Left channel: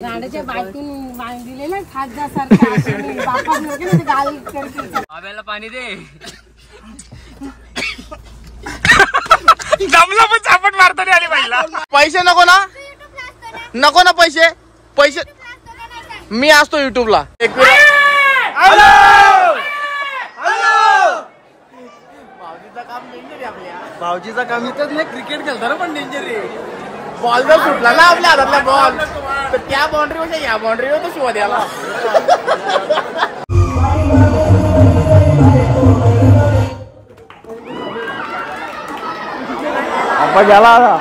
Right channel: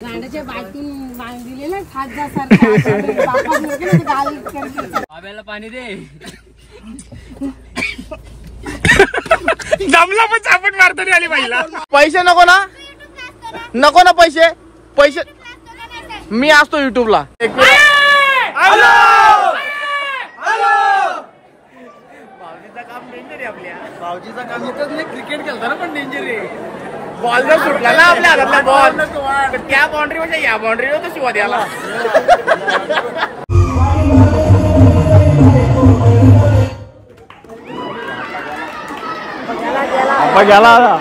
गाण्याच्या बाटून दिले ना खासदारसारखं गाल करते आम्हाला पाणी दे दमला पण चापट मारता नाही आली बाईला. पैसे नको ना, नको ना पैसे. पैसे मी असतो युट्यूबला. भाऊजीचं काम डेंजर आहे. आपल्या भाऊजीचं काम इथंच नाही, क्रिकेट खेळताना पण डेंजर आहे. बॉल जर सुटला ना आपल्या हातातला बॉल तर त्या बाउंड्री म्हणजे या बाउंड्रीवर तर शिवा द्याला. आपण गेला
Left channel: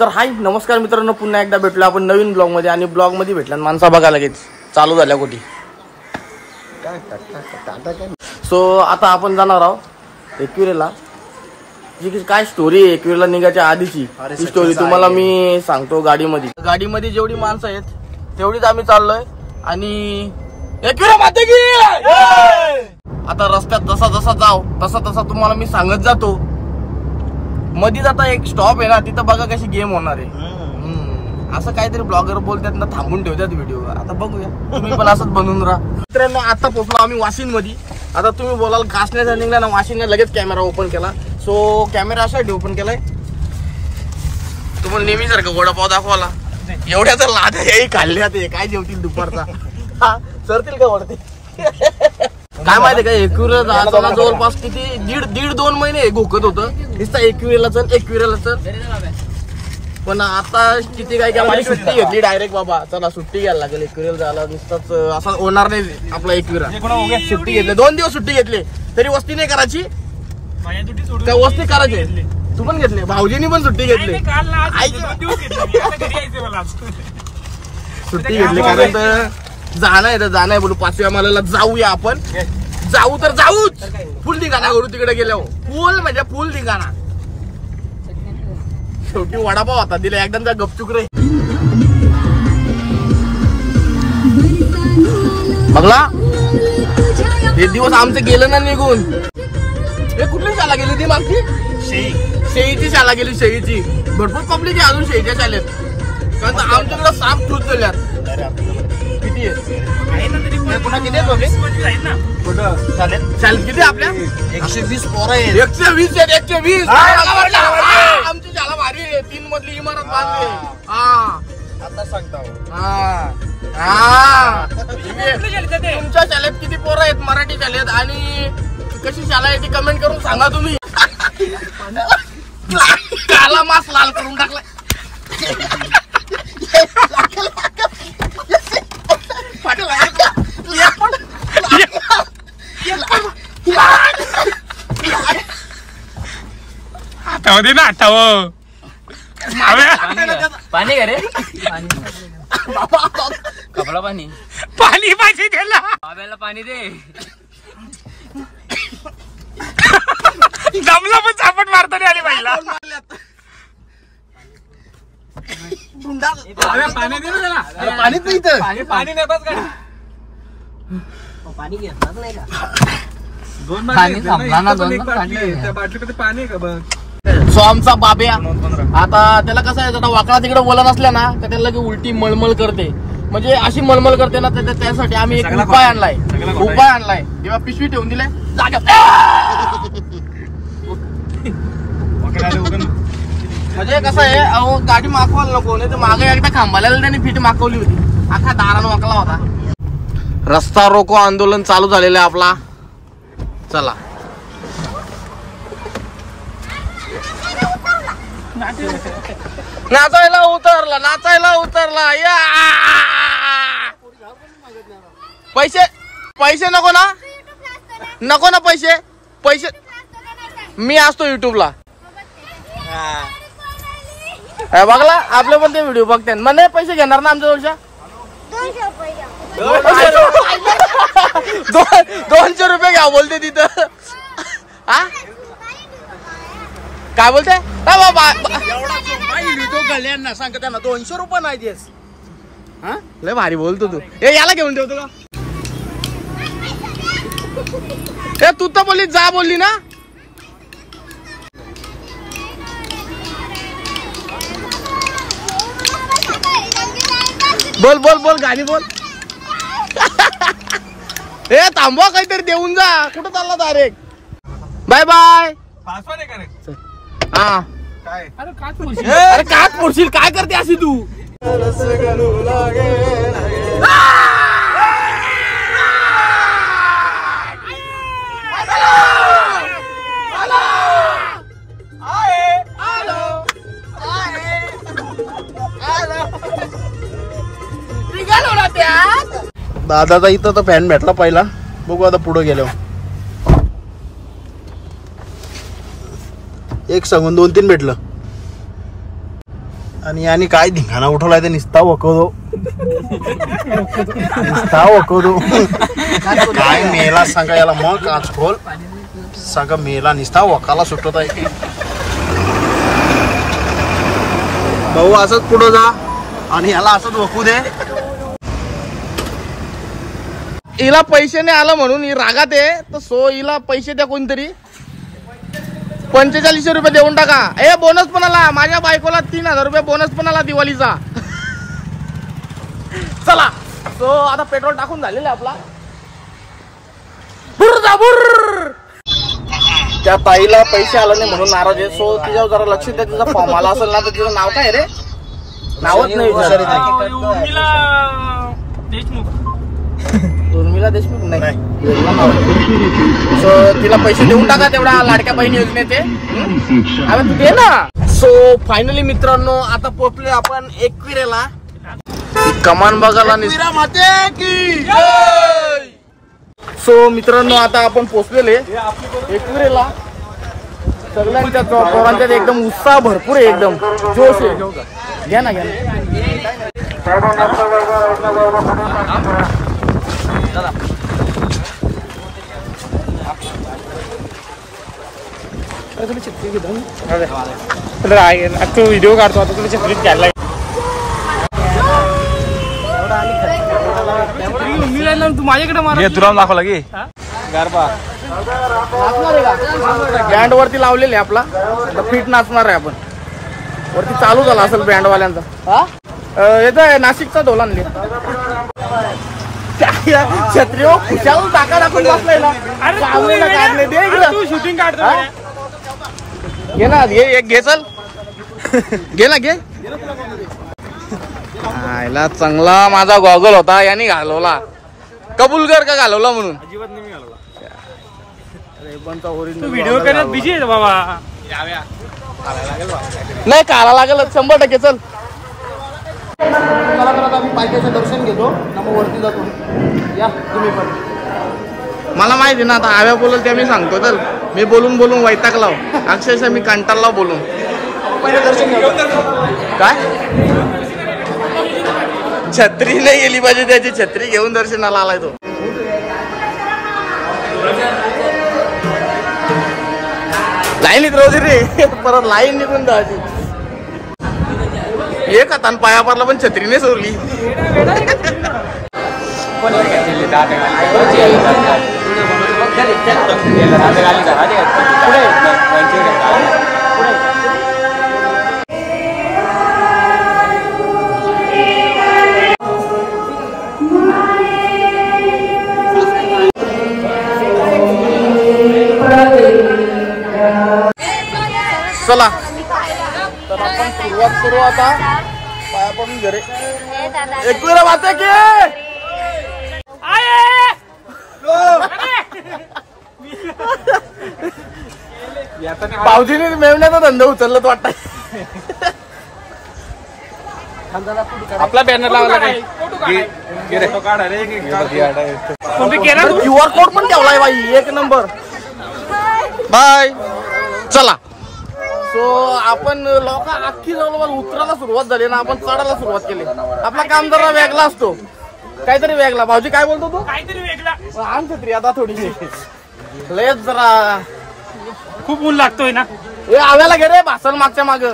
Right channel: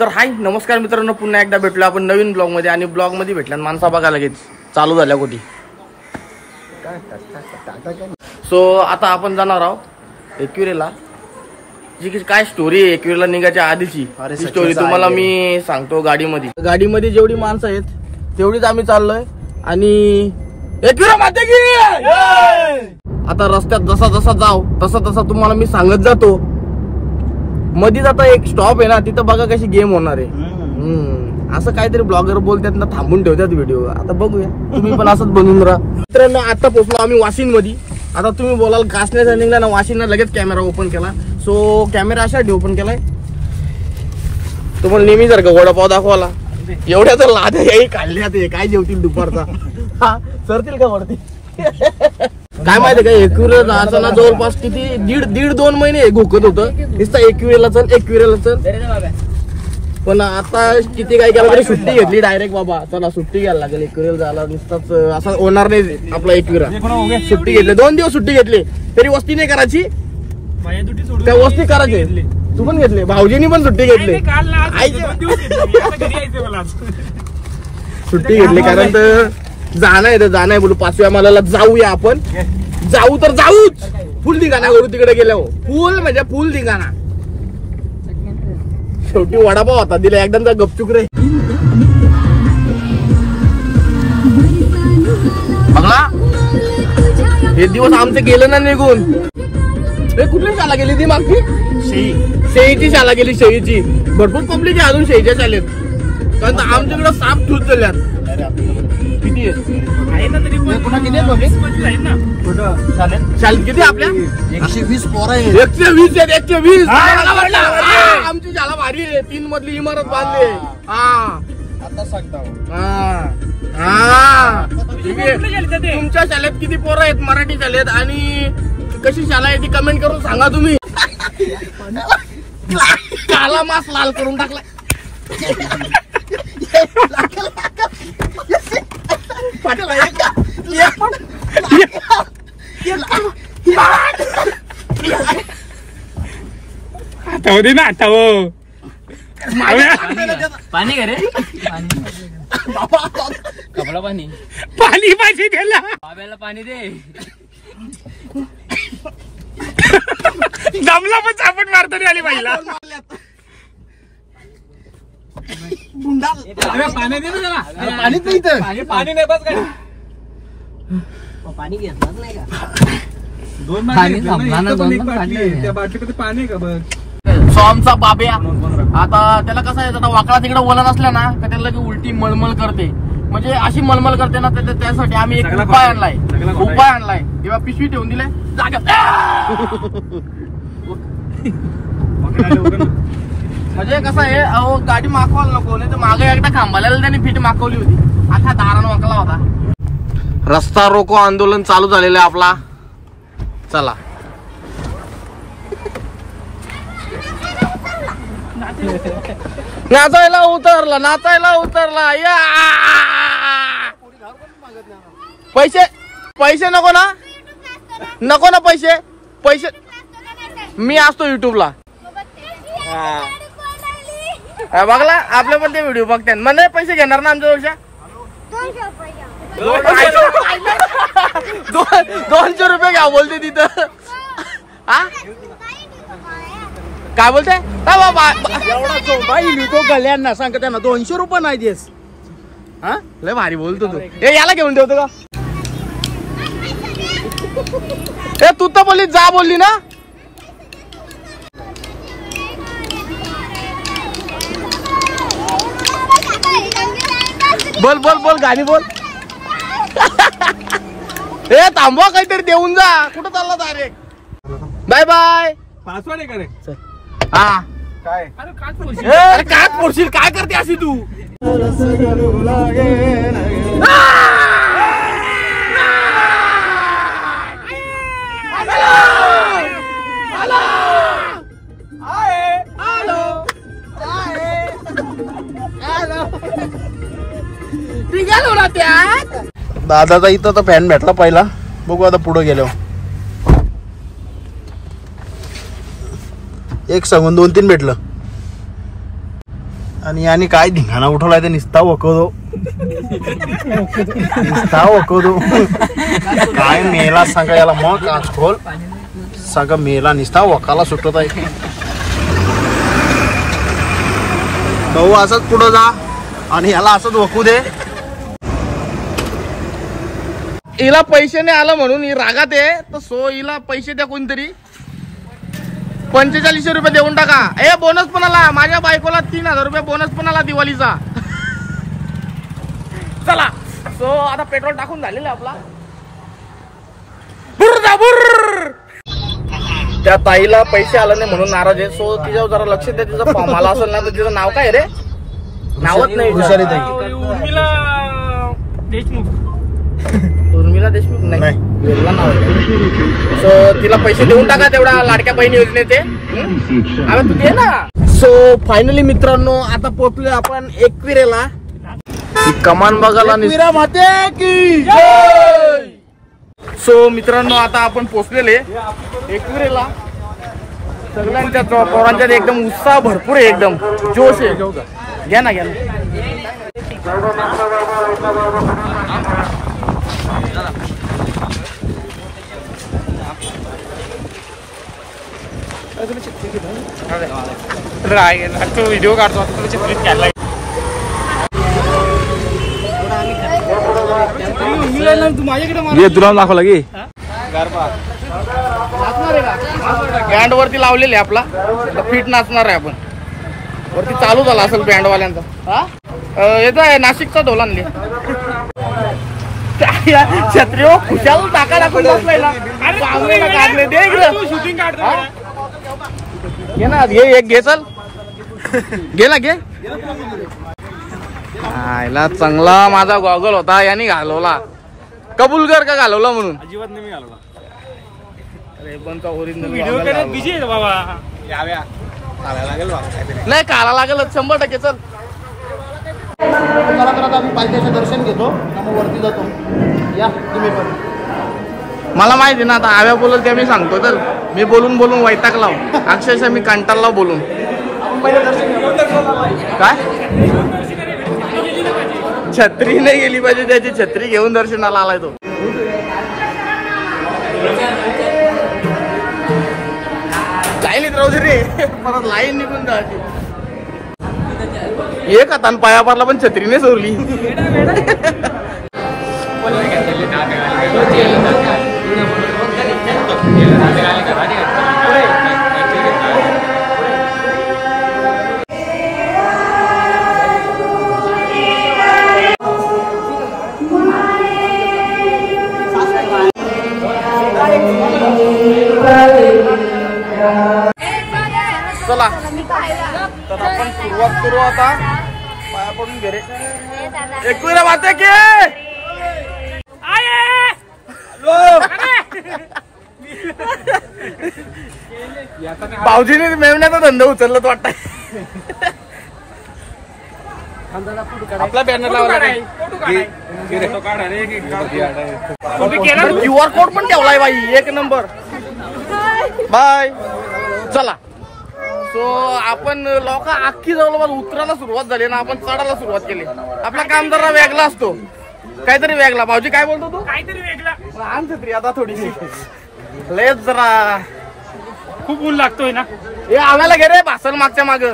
तर हाय नमस्कार मित्रांनो, पुन्हा एकदा भेटलो आपण नवीन ब्लॉग मध्ये. आणि ब्लॉग मध्ये भेटल्या माणसा बघा लगेच चालू झाल्या कुठे. सो आता आपण जाणार आहोत एकविरेला. जी काय स्टोरी आहे एकविरेला निघायच्या आधीची, ती स्टोरी तुम्हाला मी सांगतो. गाडीमध्ये जेवढी माणसं आहेत तेवढीच आम्ही चाललोय. आणि एकविरा माते की आता रस्त्यात जसा जसा जाऊ तसा तुम्हाला मी सांगत जातो. मध्ये आता एक स्टॉप आहे ना, तिथं बघा कशी गेम होणार आहे. असं काहीतरी ब्लॉगर बोलतात ना, थांबून ठेवतात व्हिडिओ. आता बघूया, तुम्ही पण असंच बनवून राहा. मित्रांनो आता पोहोचलो आम्ही वाशिन मध्ये. आता तुम्ही बोलाल कासने रनिंगला ना, वाशिनला लगेच कॅमेरा ओपन केला. सो कॅमेरा अशासाठी ओपन केलाय तुम्हाला नेहमी सारखं वडापाव दाखवाला. एवढ्या तर लाद्या काढल्या ते काय जेवतील दुपारचा सरतील का वरती काय माहितीये का. एकविरेला जायचं ना जवळपास किती दीड 2 महिने घोकत होतं नुसतं एकविरेला चल. पण आता किती काय केलं तरी सुट्टी घेतली डायरेक्ट. बाबा चला सुट्टी घ्यायला लागेल एकविरेला जायला, नुसतंच असं होणार नाही आपला एकविरा. सुट्टी घेतली 2 दिवस सुट्टी घेतली तरी वस्ती नाही करायची, त्या वस्ती करायची. तू पण घेतली, भाऊजींनी पण सुट्टी घेतली. सुट्टी घेतली कारण तर जाणं आहे बोलू 5व्या मालाला जाऊया आपण. जाऊ तर जाऊच, फुल ठिकाणा करू तिकडे गेल्यावर. फुल ठिकाणा. शेवटी वडापाव होता दिला एकदम त्या गपचुक रे. बघला हे दिवस आमचे गेलं ना निघून. हे कुठली शाळा गेली ती मागची? शेळीची शाळा गेली. शेळीची भरपूर पब्लिक आहे अजून शेळीच्या शाळेत. कारण आमच्याकडे साफ ठूत झाल्यात. किती किती आपल्या 120 पोरं आहेत. 120 आमची शाळा भारी आहे. 3 मजली इमारत बांधली. तुमच्या शाळेत किती पोरं आहेत मराठी शाळेत, आणि कशी शाळा आहे ती कमेंट करून सांगा तुम्ही. काला मास लाल करून टाकला. आठाव दे ना, आठाव पाणी का रे कपडा पाणी पाहिजे त्याला. पाणी दे दमला पण चापट मारता नाही आली बाईला. पाणी दे ना त्याला. पाणीच नाही तर पाणी नाही बस गाडी. पाणी घेतलं नाही का पाणी का बघ. सो आमचा बाब्या आता त्याला कसं आहे, आता वाकडा तिकडे वळण असलं ना तर त्याला उलटी मळमळ करते. म्हणजे अशी मळमळ करते ना, त्यासाठी आम्ही एक उपाय आणलाय. तेव्हा पिशवी ठेवून दिले म्हणजे कसं आहे, अहो गाडी मागवायला नको. नाही तर मागे एकदा खांबाला त्यांनी फिट मागवली होती, अख्खा दारानं वाकला होता. रस्ता रोको आंदोलन चालू झालेलं आहे आपला. चला नाचायला उतरला या. पैसे नको ना पैसे मी असतो युट्यूबला. बघला आपले पण ते व्हिडिओ बघते. मला पैसे घेणार ना आमच्या जवळच्या 200 रुपये घ्या बोलते तिथं. हा काय बोलते तो कल्याण सांगते ना 200 रुपये नाही देस. हा लय भारी बोलतो तू. हे याला घेऊन ठेवतो का? तू तर बोलली जा बोलली ना. बोल बोल बोल गाडी बोल. ए थांबवा काहीतरी देऊन जा. कुठं चालला डायरेक्ट. Bye bye. पासवर्ड आहे का रे? हा काय अरे काच पोरशील. काय करते अशी तू. दादाचा इथं तर फॅन भेटला पहिला. बघू आता पुढे गेलो. एक सांगून 2-3 भेटलं. आणि काय धिंगाणा उठवलाय ते निस्ता वकवतो. काय मेला सांगा याला. मग काच खोल सांगा मेला निस्ता वकाला सुटत आहे. भाऊ असंच पुढं जा आणि याला असंच वकू दे. हिला पैसे नाही आलं म्हणून ही रागात आहे. तर सो हिला पैसे द्या कोणतरी. 4500 रुपये देऊन टाका. ए बोनस पण आला. माझ्या बायकोला 3000 रुपये बोनस पण आला दिवाळीचा. चला सो आता पेट्रोल टाकून झालेलं आहे आपला. बुर्र. त्या ताईला पैसे आला नाही म्हणून नाराज आहे. सो तिच्यावर जरा लक्ष द्या. तिचा फॉर्म आला असेल ना तर तिचं नाव काय रे. नावच नाही. उर्मिला देशमुख नाही. सो तिला पैसे देऊन टाका तेवढा लाडक्या बहीण योजनेचे. आता तू घे ना. सो फायनली मित्रांनो आता पोहोचलोय आपण एकविरेला. कमान बघायला सो मित्रांनो आता आपण पोहोचलेले एकविरेला. सगळ्यांच्या पोरांच्यात एकदम उत्साह भरपूर आहे. एकदम जोश आहे. घ्या ना. व्हिडिओ काढतो आता तुला चपलीत घ्यायला. तू माझ्याकडे तुला दाखवला की नाचणार आहे का. बँड वरती लावलेले आपला फिट नाचणार आहे आपण. वरती चालू झाला असेल बँड वाल्यांचा. येतोय नाशिकचा ढोल आणले. छत्री खुशाल टाका टाकून बसलाय ना. काढले दे शूटिंग काढतो. घे ना. एक घे. चल घे ना. घे आयला चांगला माझा गॉगल होता याने घालवला. कबूल कर का घालवला म्हणून. अजिबात नाही घालवला. अरे बनचा ओरिजिनल बिझी आहे बाबा. नाही काढा लागेल 100%. चल चला तर आता आम्ही पालख्याचं दर्शन घेतो ना मग वरती जातो. या तुम्ही पण. मला माहिती ना आता आव्या बोलल त्या मी सांगतो. तर मी बोलून वैतागलाव. अक्षरशः मी कंटाळला बोलून. काय छत्री नाही गेली पाहिजे. त्याची छत्री घेऊन दर्शनाला आलाय तो. लाईनीत रोज रे. परत लाईन निघून जायची. एक हातान पाया पडला पण छत्रीने सोडली. चला तर आपण सुरुवात करू आता. पाया पडून घे रे. एकविरा वाहते की भाऊजीने मेवण्याचा धंदा उचलला तो वाटत. आपला बॅनर लावला. QR कोड पण ठेवलाय बाई. एक नंबर. बाय. चला सो आपण लोक अख्खी जवळ उतरायला सुरुवात झाली ना. आपण चढायला सुरुवात केली. आपला काम जरा वेगळा असतो. काहीतरी वेगळा. भाऊजी काय बोलतो तू. काहीतरी वेगळा. आण छत्री आता थोडीशी. लयच जरा खूप ऊन लागतोय ना. हे आव्याला घे रे. भाषण मागच्या माग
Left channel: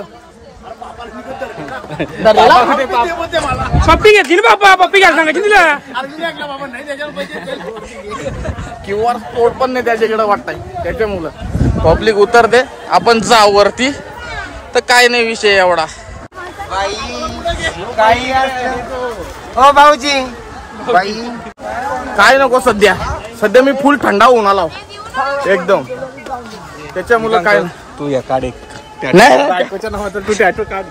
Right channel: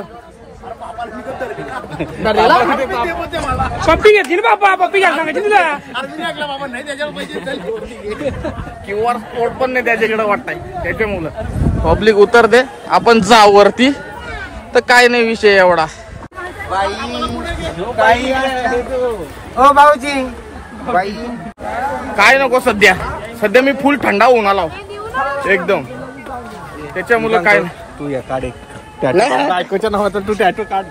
पप्पी घेतली ना बाबा. पप्पी घ्यायला सांगायची तुला. QR कोड पण नाही त्याच्याकडे वाटतंय. त्याच्या मुलं पब्लिक उतर दे. आपण जाऊ वरती तर काय नाही विषय एवढा. भाऊजी काय नको सध्या सध्या मी फुल थंडा होऊन आला एकदम त्याच्यामुळे काय तू या काढे नाही बायकोच्या नावाचा तू टॅटू काढ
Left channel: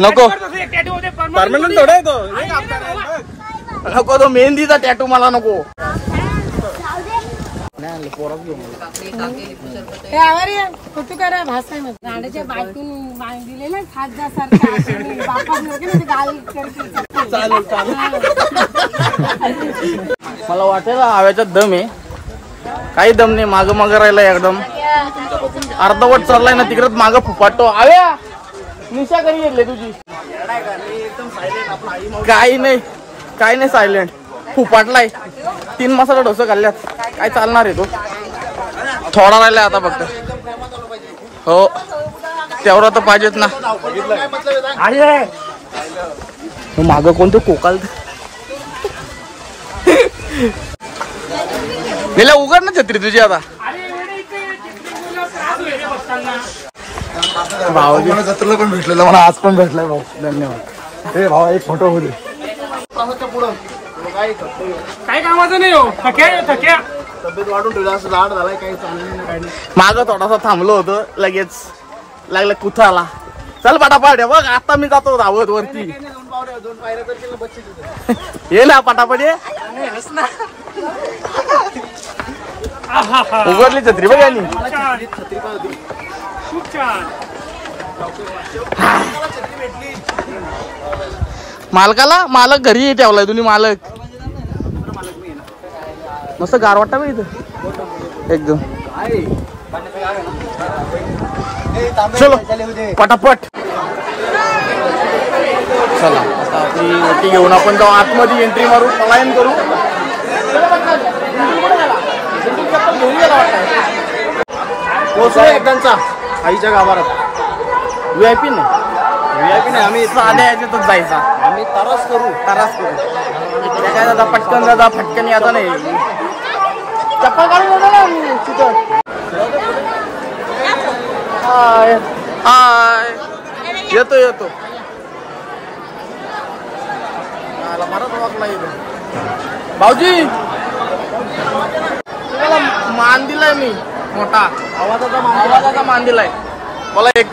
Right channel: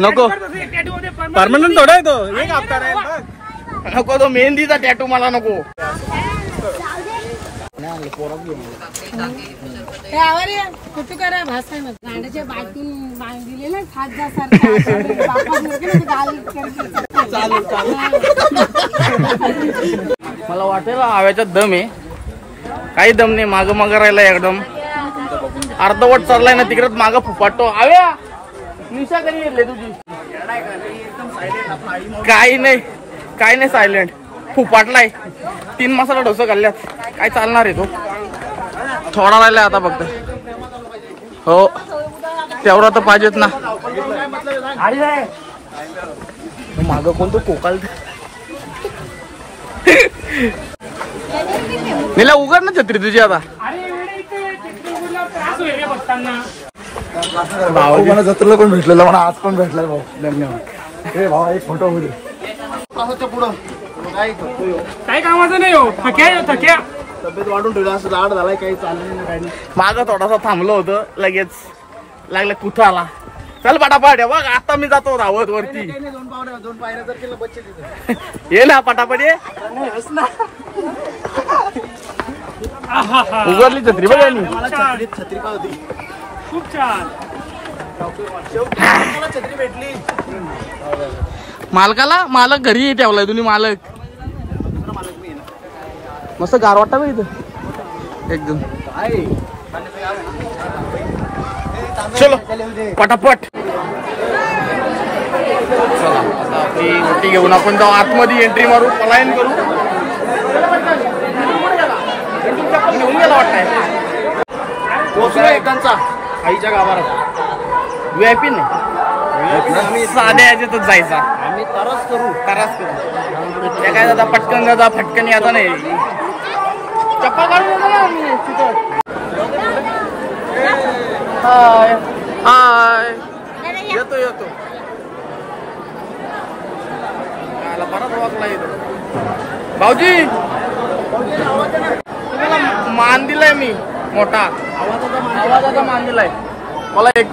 नको परमनंट थोडा आहे तो. एक हप्ता राहील बघ. नको तो मेहंदीचा टॅटू मला नको फोटो करा भाषा में गाण्याच्या बाटून दिलेला खाजा सारखा बापा गाल करके मला वाटेल हव्याचा दम आहे काही दम नाही माग माग राहिला एकदम अर्धवट चाललाय ना तिकडे माग फुफाटतो आव्या निशा कधी घेतली तुझी काही नाही सायलेंट फुफाटलाय 3 मसाला डोसा खाल्ल्यात काय चालणार आहे तो थोडा राहिलाय आता फक्त हो तेवढा तर पाहिजेत ना माग कोणतं कोकाल निला उघड ना छत्री तुझी आता भाऊ मला जत्रेला पण भेटलेला मला आज पण भेटलाय भाऊ धन्यवाद ए भाऊ एक फोटो होईल काय कामाचं नाही हो थक्या थक्या तब्येत वाढून ठेवला असं लाड झालाय काही चाललं नाही काही नाही माग थोडासा थांबलो होतो लगेच लागलं कुथाला चल पटापट बघ आता मी जातो धावत वरती दोन पायऱ्या जर केलं बच्चे तिथे ये ना पटापट ये उघडली छत्री बघ यांनी छत्री काय होती खूप छान. मालक घरी ठेवलाय तुम्ही मालक मस्त गार वाटतं बघ इथं एकदम चलो पटापट चला आता आपली ओटी घेऊन आपण जाऊ आतमध्ये एंट्री मारू पलायन करू चप्पल घेऊन गेला वाटतंय पोहोचलोय त्यांचा आईच्या गाभारात VIP नाही आम्ही साध्या याच्यातच जायचा आम्ही तारास करू त्या काय दादा पटकन दादा फटकन आता नाही चप्पल काढून येतो ना मी तिथं हाय येतो बराच वाकला इथं भाऊजी तुम्हाला मान दिलाय मी मोठा आवाजाचा मान दिलाय मला एक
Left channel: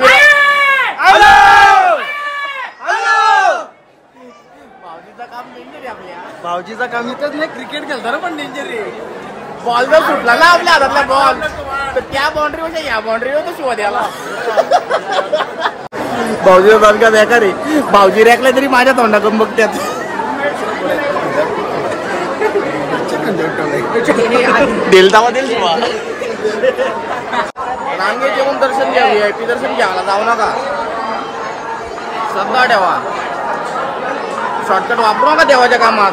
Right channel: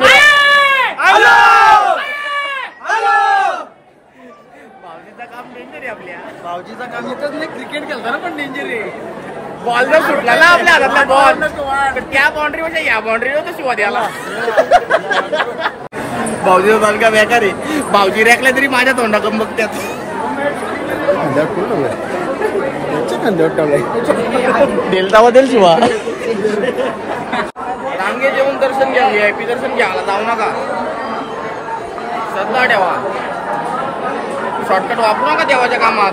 भाऊजीचं काम डेंजर आहे आपल्या भाऊजीचा काम इथंच नाही क्रिकेट खेळताना पण डेंजर आहे बॉल जर सुटला ना आपल्या हातातला बॉल तर त्या बाउंड्री पेक्षा या बाउंड्रीवर तर शिवा द्याला भाऊजीचा बॉल का बेकार आहे भाऊजी रेकला तरी माझ्या तोंडाकडून बघतात देलतावा देल शिवा रांगे जेवून दर्शन घ्या VIP दर्शन घ्यायला जाऊ नका श्रद्धा ठेवा शॉर्टकट वापरू नका देवाच्या कामात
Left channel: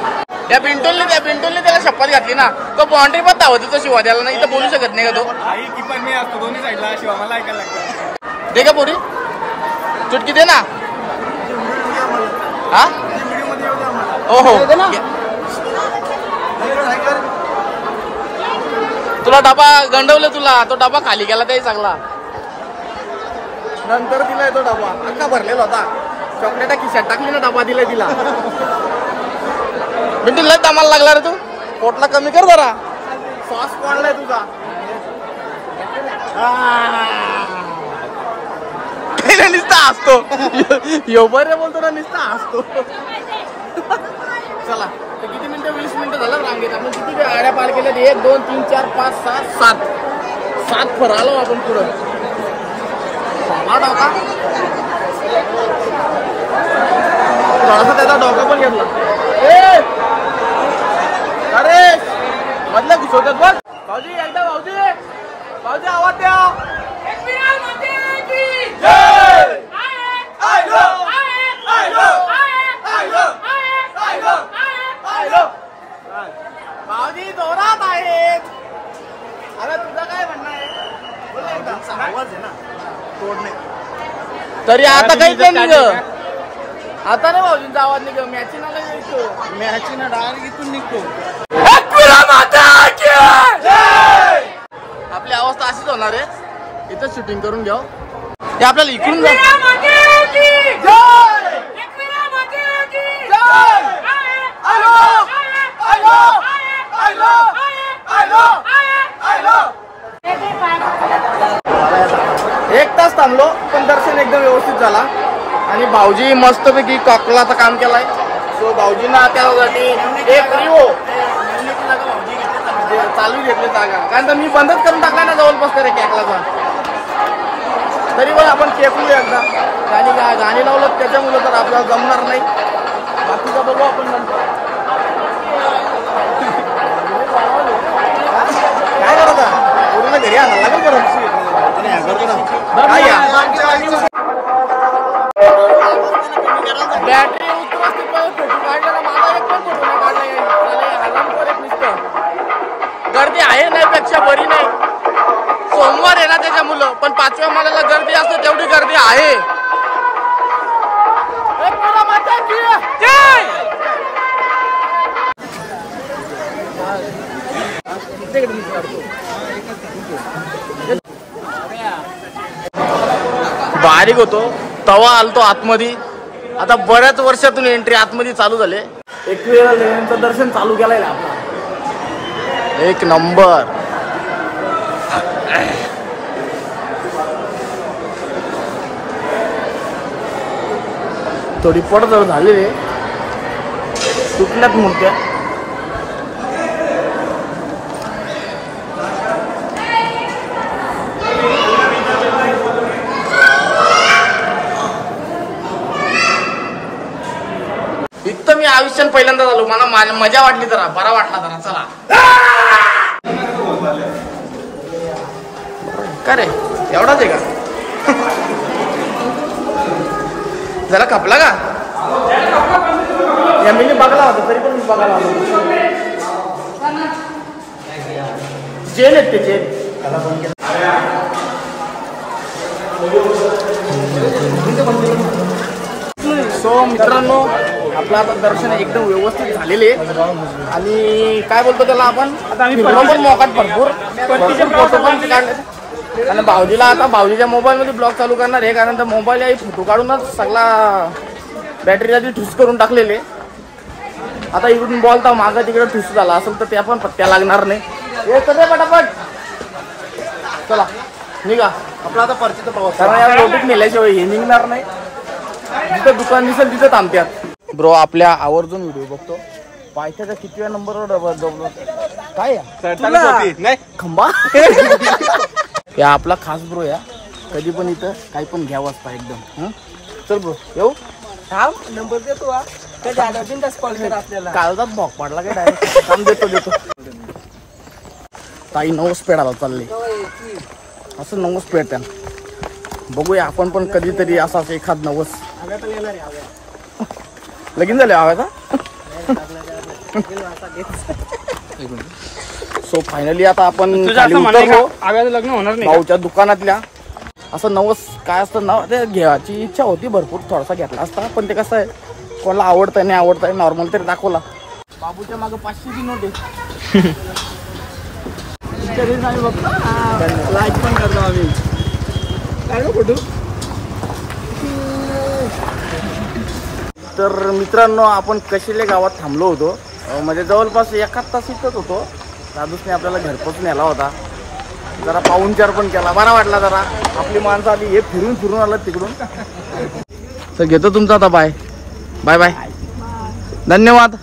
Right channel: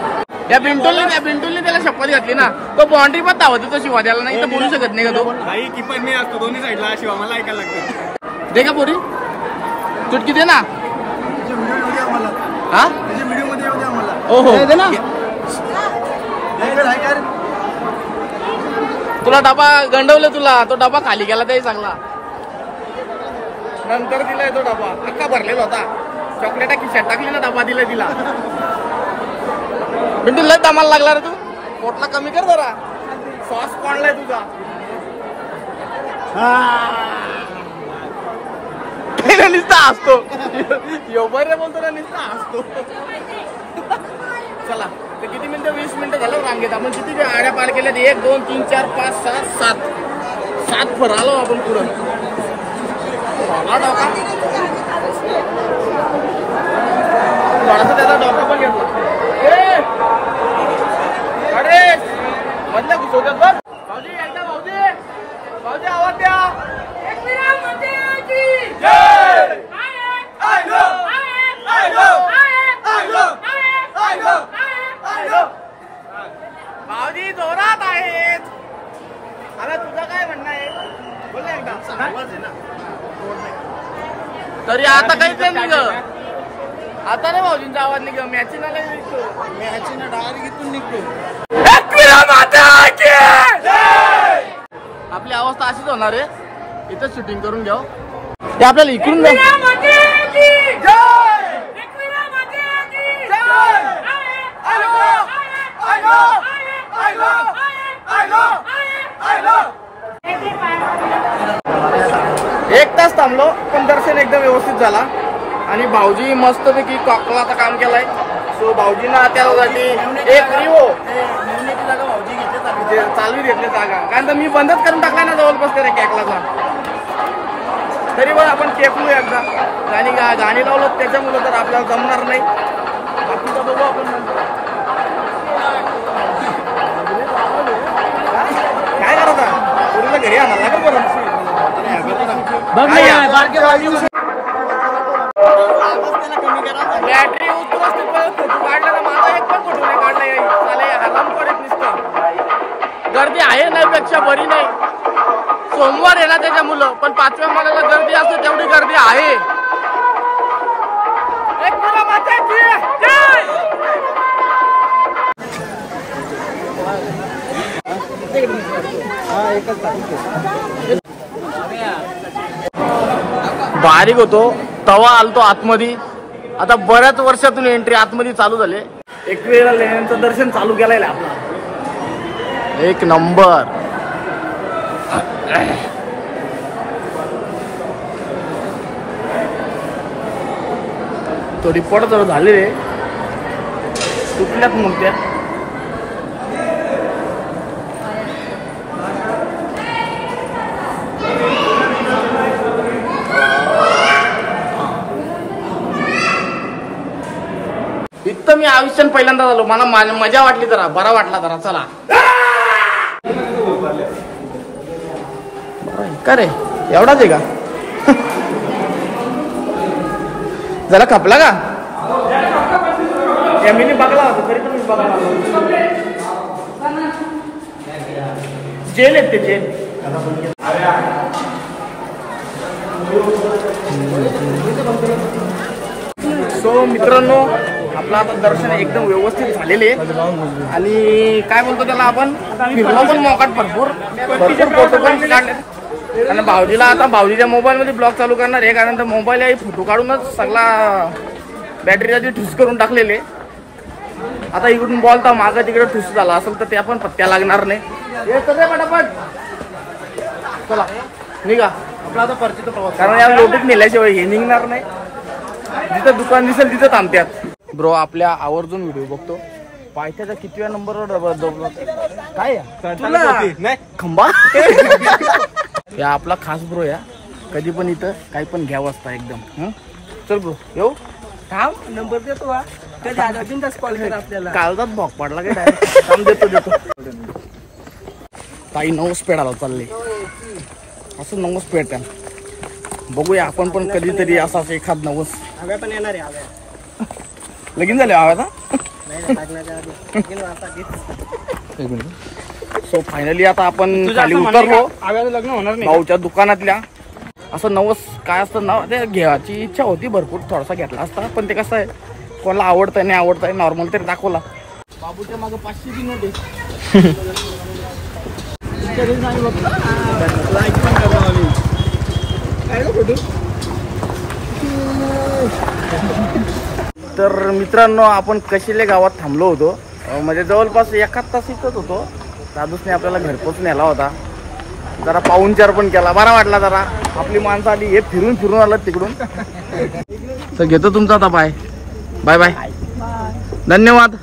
त्या पिंटोलने त्याला शपथ घातली ना तो बाउंड्री पण धावत तो शिवा द्याला नाही तर बोलू शकत नाही का तो आई कीपर मी असतो दोन्ही साईडला शिवा मला ऐकायला लागतं दे का पुरी चुटकी दे ना हा हो तुला डबा गंडवलं तुला तो डबा खाली गेला त्याही चांगला नंतर दिलाय तो डबा अख्खा भरलेला होता चॉकलेटा खिशात टाकली ना डबा दिलाय तिला बिंटू लय दमाला लागला रे तू पोटला कमी कर जरा सॉस पडलाय तुझा नुसता हसतो यो बरे बोलतो ना नुसता हसतो चला तर किती मिनिटं 20 मिनिटं झालं रांगेत आपण किती गाड्या पार केल्यात 1 2 3 4 5 6 7 फर आलो आपण पुढं डोका थोडासा त्याचा डोका पण घेतला अरे मधल्या घुसवतात बघ भाऊजी एकदा भाऊजी आवाज द्या भाऊजी जोरात आहेत अरे तुझं काय म्हणणं आहे बोल एकदा आवाज आहे ना तरी आता काहीच नाही ग आता नाही भाऊजींचा आवाज निघ मॅची ना काही निघतो मॅची ना डायरेक्ट इथून निघतो आपली अवस्था अशीच होणार आहे इथं शूटिंग करून घ्या हे आपल्याला इकडून जा 1 तास थांबलो पण दर्शन एकदम व्यवस्थित झाला आणि भाऊजी मस्तपैकी कॉकलाचं काम केलाय. सो भाऊजींना त्यासाठी एक रिवो चालू घेतले जागा, कारण तर मी बंदच करून टाकलाय ना जवळपास करे कॅकलाचा. तरी पण आपण केकलू एकदा गाणी लावलं त्याच्यामुळे तर आपल्याला जमणार नाही. बाकीचा बघू आपण नंतर. काय करत पोरीला घरी आणायला लागेल परत काय या बॅटरी उतरत फोटो काढलेला माझा एक पण फोटो नाही काढला हराम पडत नुसतं. गर्दी आहे नाही पेक्षा बरी नाही. सोमवार आहे ना त्याच्या मुलं, पण 5व्या माल्याला गर्दी असते तेवढी गर्दी आहे. बारीक होतो तवा आलतो आतमध्ये. आता बऱ्याच वर्षातून एंट्री आतमध्ये चालू झाले. 21 लेण्यांचं दर्शन चालू केलंय आपला. एक नंबर. थोडी पडझड झाली रे, तुटल्यात मूर्त्या. इथं मी आयुष्यात पहिल्यांदा झालो. मला मजा वाटली, जरा बरा वाटला जरा. चला का रे एवढाच आहे का? जरा खपला का? मी बघला होता तरी पण मी बघायला जेल आहेत ते जेल. सो मित्रांनो आपलं आता दर्शन एकदम व्यवस्थित झालेले आणि काय बोलतो त्याला आपण फिरलो पण मोकाट भरपूर फोटो पण काढले. आणि भाऊजीला आता भाऊजीच्या मोबाईलमध्ये ब्लॉग चालू करणार आहे, कारण तर मोबाईल आहे फोटो काढूनच सगळा बॅटरीची ठुस करून टाकलेले. आता इकडून बोलता मागं तिकडे ठुस झाला असेल तर त्या पण पत्त्या लागणार नाही. हे सगळे पटापट चला निघा आपला आता परतीचा प्रवास, कारण या लोटीत नेल्याशिवाय हे निघणार नाही. जिथं दुकान दिसेल तिथं थांबत्यात. ब्रो आपल्या आवर्जून व्हिडिओ बघतो. पायथ्याचा कितव्या नंबरवर काय खंबा या आपला खास ब्रो या. कधी पण इथं काही पण घ्यावं असता एकदम. चल ब्रो येऊ नंबर देतो. काळजात भोग पडला काय डायरेक्ट काम देतो. ताई 9 पेडाला चालले असं 9 पेड त्या. बघूया आपण पण कधीतरी असाच एखाद 9 लगीन झाले आवाज. सो फायनली आता आपण खाली उतरलो भाऊच्या दुकानातल्या. असं 9 काय असतं नाव ते घ्यायची इच्छा होती भरपूर, थोडासा घेतला असता पण ते कसं आहे कोणाला आवडतंय नाही आवडतंय नॉर्मल तरी दाखवला. बाबूच्या मागे 500ची नोट आहे. तर मित्रांनो आपण कशिले गावात थांबलो होतो. म्हणजे जवळपास 1 तास इथंच होतो. दादूसने आपल्याला घरपोच नेला होता. जरा पाहुणचार पण केला, बरा वाटला जरा. आपली माणसं आली हे फिरून आलं तिकडून. तर घेतो तुमचा आता बाय बाय बाय धन्यवाद.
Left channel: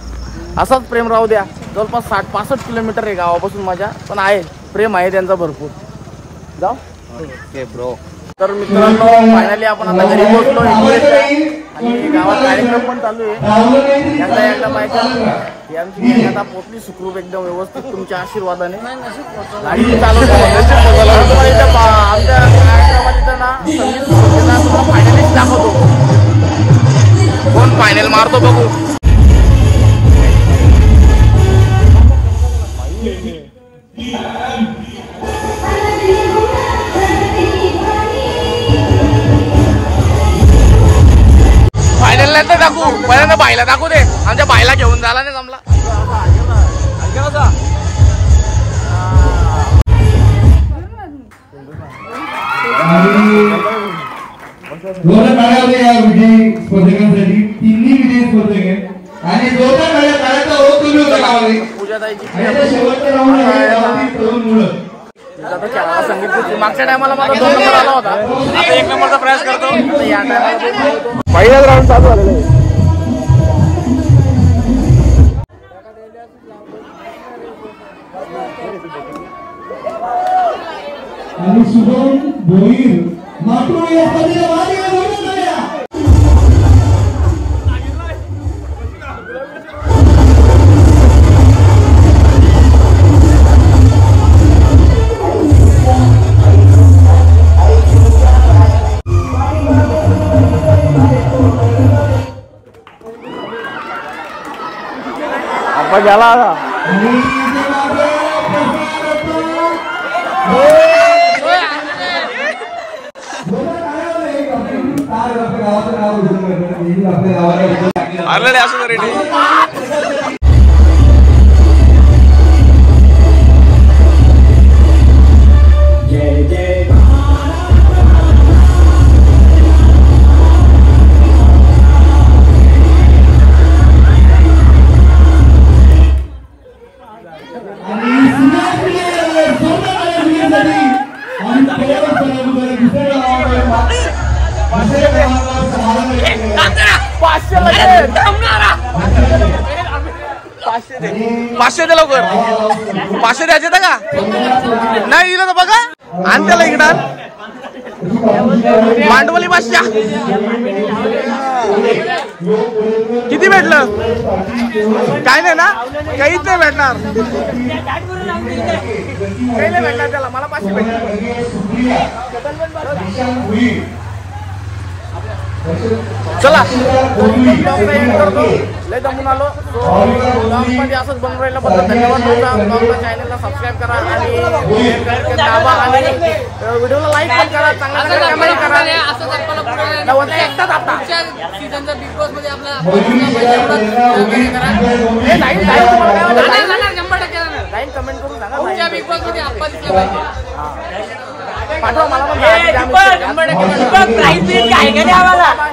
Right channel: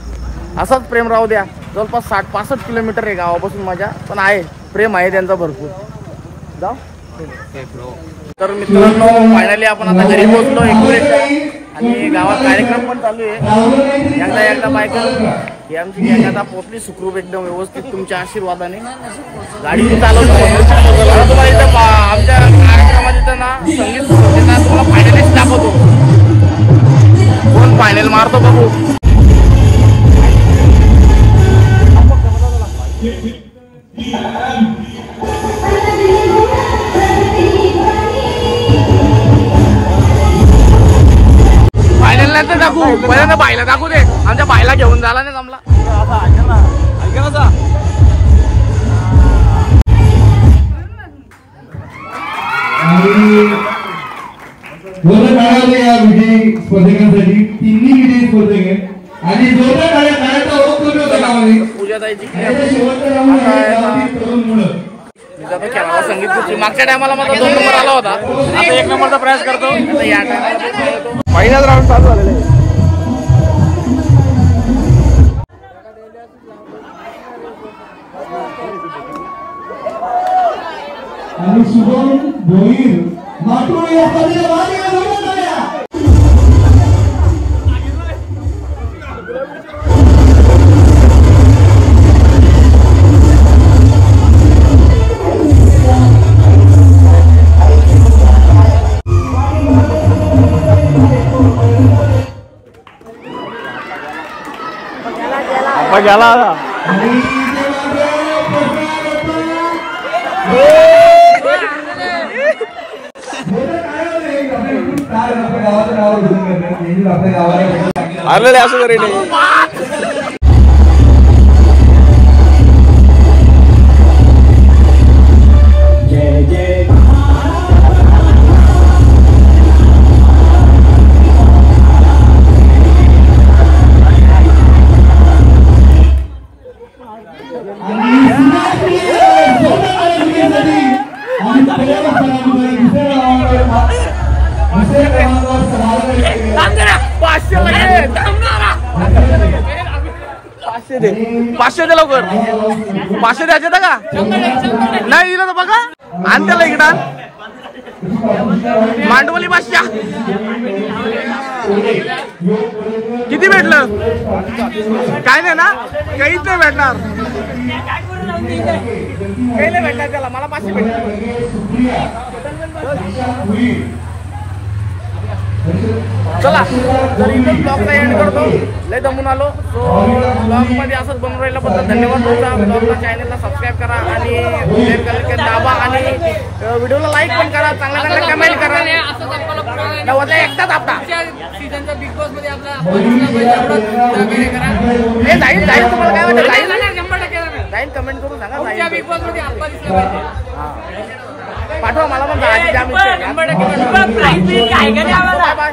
असाच प्रेम राहू द्या. जवळपास 60-65 किलोमीटर आहे गावापासून माझ्या, पण आहे प्रेम आहे त्यांचा भरपूर. जाऊ तर मित्रांनो फायनली आपण आता घरी पोहोचलो 21च्या आणि गावात कार्यक्रम पण चालू आहे. एकदा बायकर ही आमची गँग आता पोचली सुखरूप एकदम व्यवस्थित तुमच्या आशीर्वादाने. गाडी चालवली. आता तुम्हाला इथं आमच्या कार्यक्रमात इथं ना संगीत होते ना, तुम्हाला फायनलीच दाखवतो. कोण फायनल मारतो बघू. फायनल नाही तर दाखवू, पहिल्यांदा बाईला दाखवू दे. आमच्या बाईला घेऊन झाला नाही जमला. पूजाताईची मी जातो खेळावा संगीत खुर्ची. मागच्या टायमाला माझा 2 नंबर आला होता. आता या टायमाला पहिलाच राऊंड चालू झालेला आहे. आणि शुभम भोईर माटुळ या स्पर्धेला भाग घेण्यासाठी अप्पा गेला आता. आलेले असं रेडी पाचशे दे लवकर. 500 द्यायचे का नाही दिलं तर बघा. आण त्याला इकडं. मांडवली 500 किती भेटलं? काय नाही ना, काहीच नाही भेटणार. काही नाही भेटणार त्याला. मला 500 भेटले. चला तर इथं ब्लॉगचा एंड करतो. लय दमून आलो. सो ब्लॉग मध्ये असंच बनवून राहिल्याबद्दल धन्यवाद तुमचा. ब्लॉगला चॅनलला सबस्क्राईब करा आणि बेल आयकॉन दाबा आणि व्हिडिओला लाईक पण करा. चांगल्या चांगल्या कमेंट करा. नव्वदला एकदाच आपला सीझनचा बिग बॉस मध्ये आपला हे जाईल जाईल. तुम्हाला काय वाटतं? जाईल 100% जाईल. कमेंट करून सांगा. जाईल बिग बॉस मध्ये आप्पा दिसला पाहिजे. पाठवा मला पण. आधी द्या. मी बाय बाय.